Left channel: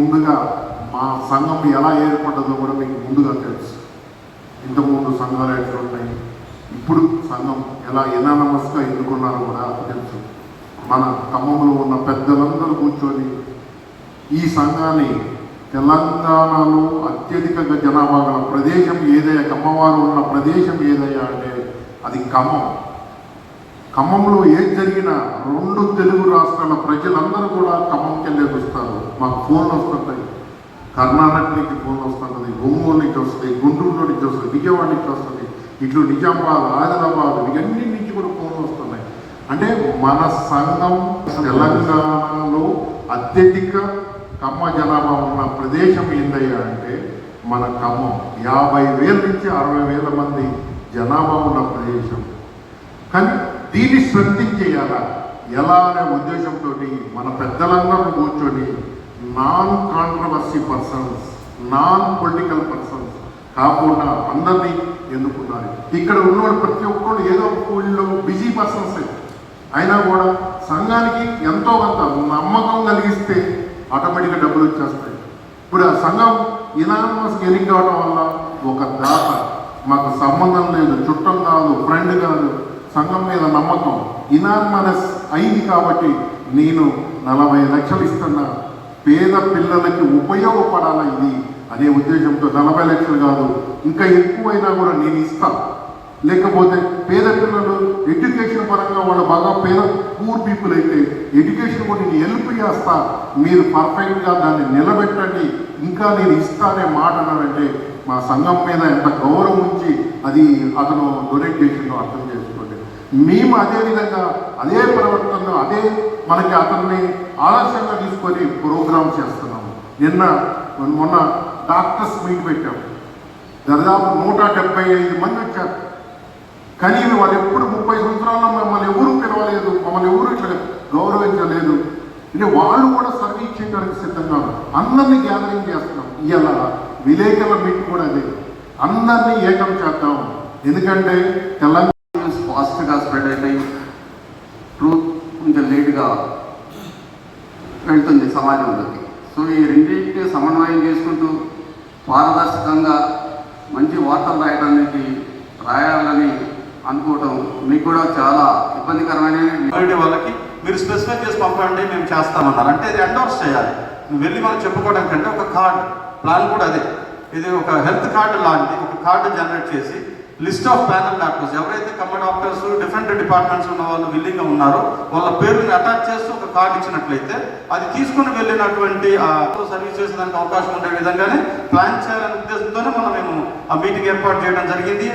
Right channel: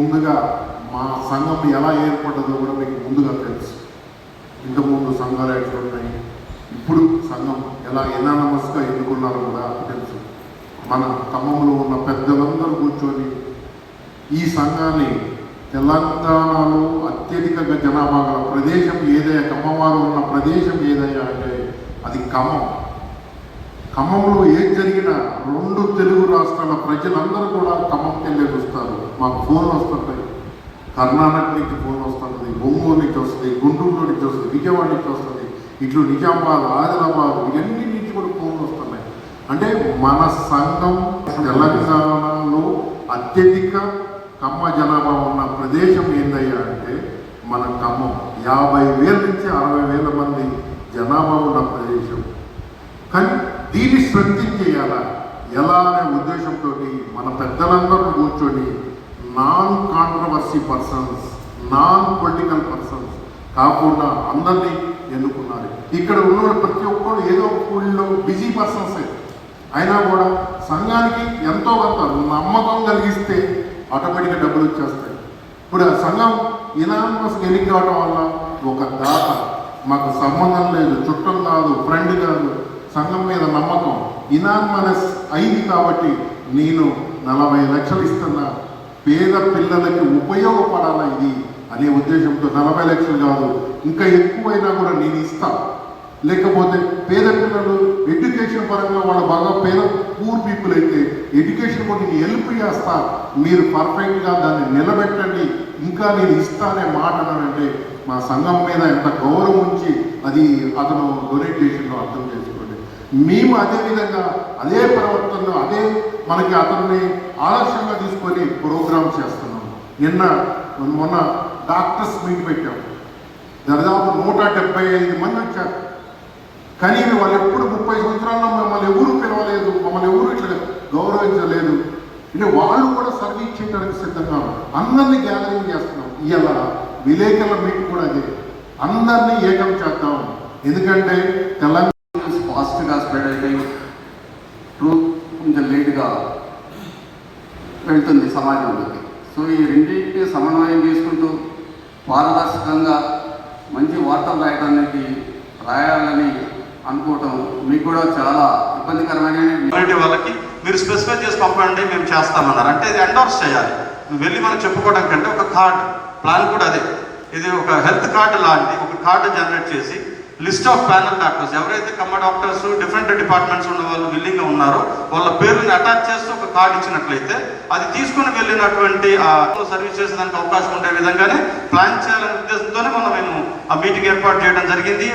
ముందుగా మా సంఘం ఎలా ఏర్పడ్డదో కూడా మీకు ముందుగా తెలుసు. ఇంతకుముందు సంఘాలు ఎట్లా ఉన్నాయి ఇప్పుడు సంఘం ఎలా ఎనానమస్గా ఎన్నుకున్నారో కూడా తెలుసు. మన ఖమ్మంలో ఉన్న పెద్దలందరూ కూర్చొని ఈ సంఘాన్ని తెలంగాణలో అత్యధిక జనాభా గల ప్రదేశం ఏదైనా ఖమ్మవారు ఉన్న ప్రదేశం ఏదైనా అంటే అది ఖమ్మం. ఖమ్మంలో ఏది జరిగినా రెండు తెలుగు రాష్ట్రాల ప్రజలందరూ కూడా ఖమ్మం మాకు ఫోన్ వస్తుంటాయి. కర్ణాటక నుంచి ఫోన్ వస్తుంటుంది ఒంగోలు నుంచి వస్తుంది గుంటూరు నుంచి వస్తుంది విజయవాడ నుంచి వస్తుంది. ఇట్లు నిజామాబాద్ ఆదిలాబాద్ ఇవన్నీ నుంచి కూడా ఫోన్ వస్తున్నాయి. అంటే మన సంఘం తెలంగాణలో అత్యధిక కమ్మ జనాభా ఉన్న ప్రదేశం ఏందయ్యా అంటే మన ఖమ్మం. యాభై వేల నుంచి అరవై వేల మంది జనాభా ఉన్న ప్రదేశం. కానీ దీన్ని శ్రద్ధించేయాలా ఎలా అనే ఉద్దేశంతో మన పెద్దలందరూ కూర్చొని non controversy persons non political persons కాకుండా అందరినీ ఎన్నుకున్నారు. ఇక్కడ ఉన్న ప్రతి ఒక్కరు ఏదో ఒక ఫీల్డ్లో బిజీ పర్సన్స్ అయినా కూడా సంఘానికి ఎంతో కొంత నమ్మకం కలిగిస్తే ఆటోమేటిక్గా డబ్బులు వచ్చేస్తాయి. ఇప్పుడు ఆ సంఘం ఇనానమస్ ఎన్నిక కావడం వల్ల ఒక దాత మాకు సంబంధం లేదు చుట్టం కాదు ఫ్రెండ్ కాదు సంఘం మీద నమ్మకం. ఇనానమస్ అయింది కాబట్టి నేను నలభై లక్షలు ఇస్తున్నా. పేద పిల్లలకి ఉపయోగపడాలా ఇది? అనే ఉద్దేశంతో నలభై లక్షలు కాదు ఇంకా ఎక్కువైనా కూడా నేను ఇస్తాను లేకపోతే పేద పిల్లలు ఎడ్యుకేషన్ పరంగా వాళ్ళు బాగా పేద పూర్ పీపుల్ అయితే ఎడ్యుకేషన్ కూడా నేను హెల్ప్ చేస్తా. మీరు పర్ఫెక్ట్గా దాన్ని నిలబెట్టండి. ఇంకా నేను ఇస్తానే మాట అన్నాడంటే మా సంఘం మీద ఎంత గౌరవం ఉంచి అది అతను డొనేట్ చేసిందో అర్థం చేసుకోండి. మేము అదే విధంగా అదే ప్రవర్తన అదే మనకి అతన్ని ఆదర్శంగా తీసుకొని ప్రోగ్రామ్ చేస్తున్నాము నిన్న మొన్న డాక్టర్స్ మీట్ పెట్టాం. దాదాపు నూట డెబ్బై ఐదు మంది వచ్చారు. కానీ వాళ్ళు ఎప్పుడు ముప్పై సంవత్సరాల్లో మమ్మల్ని ఎవరు పిలవలేదు మమ్మల్ని ఎవరు ఇట్లా గౌరవించలేదు. అంటే వాళ్ళు కూడా సర్వీస్ చేయడానికి సిద్ధంగా అందరినీ గ్యాదరింగ్ చేస్తున్నాం. ఇవాళ విలేకరుల మీట్ కూడా అదే. అందరినీ ఏకం చేద్దాం. ఎందుకంటే తెలంగాణ ఫాస్ట్గా స్ప్రెడ్ అయిపోయి ట్రూత్ కొంచెం లేట్గా వెళ్తుంది సమాజంలోకి. సో ఈ రెండింటిని సమన్వయం చేసుకుంటూ పారదర్శకంగా మంచి వార్తలు రాయడానికి రాయాలని అనుకోవటం మీకు కూడా చాలా ఇబ్బందికరమైన వాళ్ళకి మీరు స్పెసిఫై చేసి పంపండి మేము చేస్తామన్నారు. అంటే ఇది ఎండోర్స్ చేయాలి. నువ్వు వెళ్ళి మనం చెప్పుకోవడం కంటే ఒక కార్డ్ ప్లాన్ కూడా అదే. ఇది ఒక హెల్త్ కార్డు లాంటి ఒక కార్డు జనరేట్ చేసి లిస్ట్ ఆఫ్ ప్యానల్ డాక్టర్స్. ఎవరైతే కమ్మ డాక్టర్స్ డిఫరెంట్ డిపార్ట్మెంట్స్ ఉన్న వాళ్ళు విల్లింగ్గా ఉన్నారో వాళ్ళ పేరుని అటాచ్ చేస్తూ ఒక కార్డు ఇచ్చినట్లయితే అది తీసుకుని వెళ్ళినటువంటి సర్వీస్ చేసేదానికి అవకాశం ఉండే విధంగానే ప్లాన్ చేయాలనే ఉద్దేశంతోనే మనం మేము ఆ మీటింగ్ ఏర్పాటు చేయడం జరిగింది.